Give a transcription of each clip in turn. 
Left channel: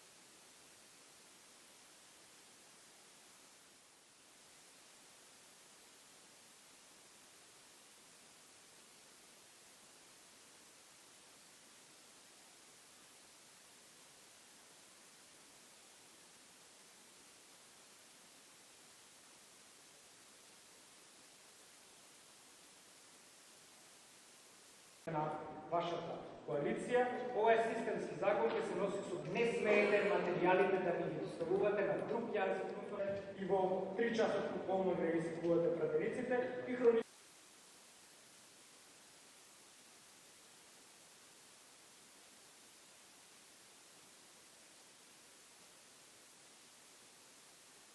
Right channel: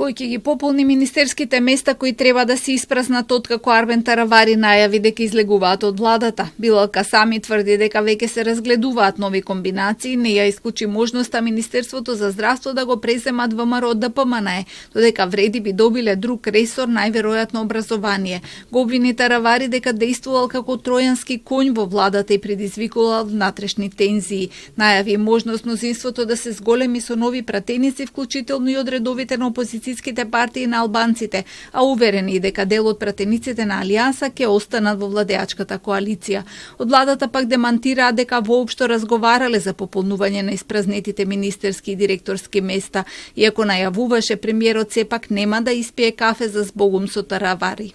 кој ќе ги пополни министерските места кои треба да се испразнат откако Арбен Таравари најави дека излегуваат од владата. Билал Касами тврди дека веќе се разгледуваат нови комбинации, не ја исклучи можноста Министерството за здравство да го преземат ВМРО од ДПМНЕ, додека вреди би добиле друг ресор, најверојатно образование. Го обвини Таравари дека действувал како тројански конј во владата и предизвикувал внатрешни тензии. Најави можност мнозинството да се зголеми со нови пратеници, вклучително и од редовите на опозицијските партии на албанците, а уверени дека дел од пратениците на Алијанса ќе останат во владеачката коалиција. Од владата пак демантираа дека воопшто разговарале за пополнување на испразнетите министерски и директорски места, иако најавуваше премиерот сепак нема да испие кафе за збогум со Таравари.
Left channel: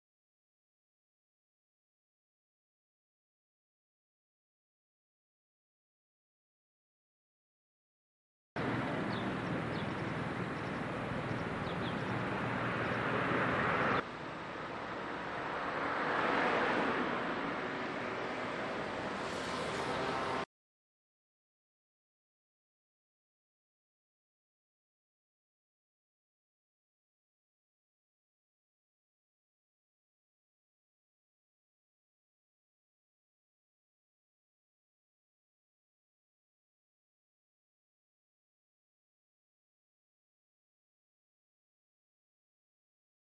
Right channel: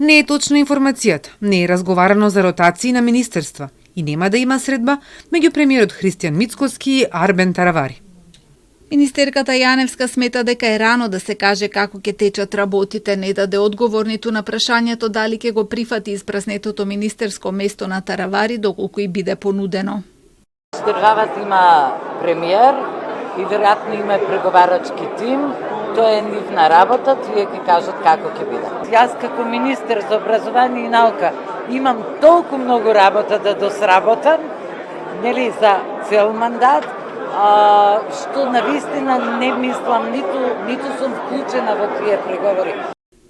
Не е точна информацијата, не е разговарано за ротации на министерства и нема да има средба меѓу премиерот Христијан Мицкоски и Арбен Таравари. Министерката Јаневска смета дека е рано да се каже како ќе течат работите, не даде одговор ниту на прашањето дали ќе го прифати испразнетото министерско место на Таравари доколку и биде понудено. Државата има премиер и веројатно има преговарачки тим. Тоа е нивна работа, тие ќе кажат како ќе биде. Јас како министер за образование и наука имам толку многу работа да досработам, нели за цел мандат, што навистина не мислам, ниту сум вклучена во тие преговори.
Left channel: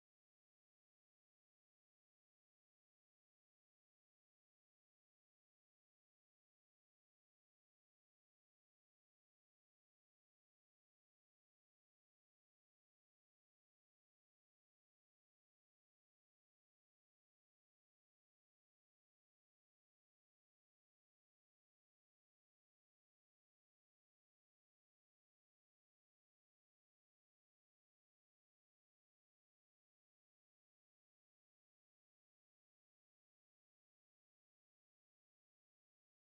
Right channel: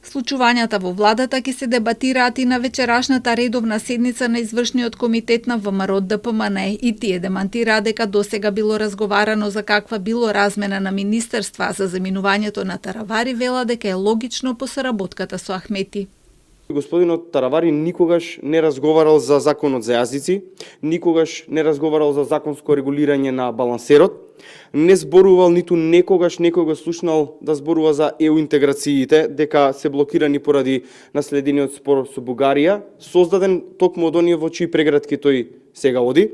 Случувањата во владата ќе се дебатираат и на вечерашната редовна седница на извршниот комитет на ВМРО ДПМНЕ и тие демантираа дека досега било разговарано за каква било размена на министерства, за заминувањето на Таравари вела дека е логично по соработката со Ахмети. Господинот Таравари никогаш не разговарал за законот за јазици, никогаш не разговарал за законско регулирање на балансерот, не зборувал ниту некогаш некој го слушнал да зборува за ЕУ интеграциите, дека се блокирани поради наследениот спор со Бугарија, создаден токму од оние во чии прегратки тој сега оди.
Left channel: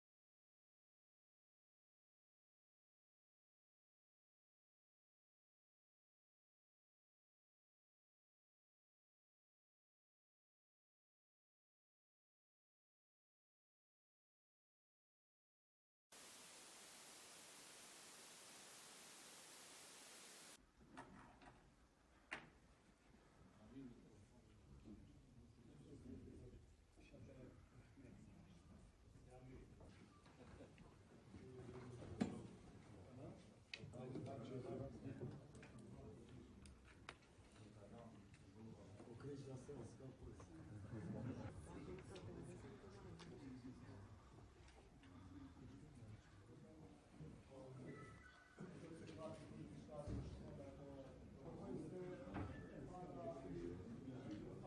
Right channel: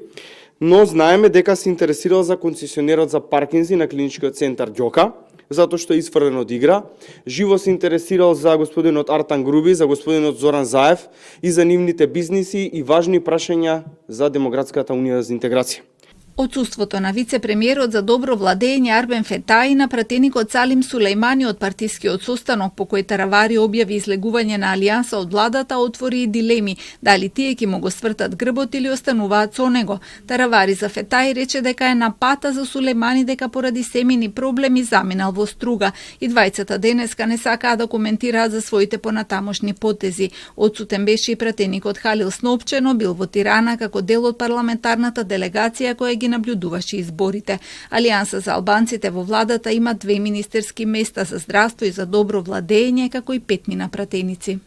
Но знаеме дека се интересирал за концесионерот за паркинзи на клиничкиот центар Ѓока, затоа што е исфрлен од игра. Живо се интересирал за господинот Артан Груби, за господинот Зоран Заев и за нивните бизниси и важни прашања за Демократската унија за интеграција. Отсуството на вице-премиерот за добро владење Арбен Фетаи на пратеникот Салим Сулејмани од партискиот состанок по кој Таравари објави излегување на Алијанса од владата отвори и дилеми дали тие ќе му го свртат грбот или остануваат со него. Таравари за Фетаи рече дека е на пата за Сулејмани дека поради семени проблеми заминал во струга и двајцата денеска не сакаа да коментираат за своите понатамошни потези. Отсутен беше и пратеникот Халил Снопче, но бил во Тирана како дел од парламентарната делегација која ги наблюдуваше изборите. Алијанса за албанците во владата има 2 министерски места за здравство и за добро владење, како и 5 пратеници.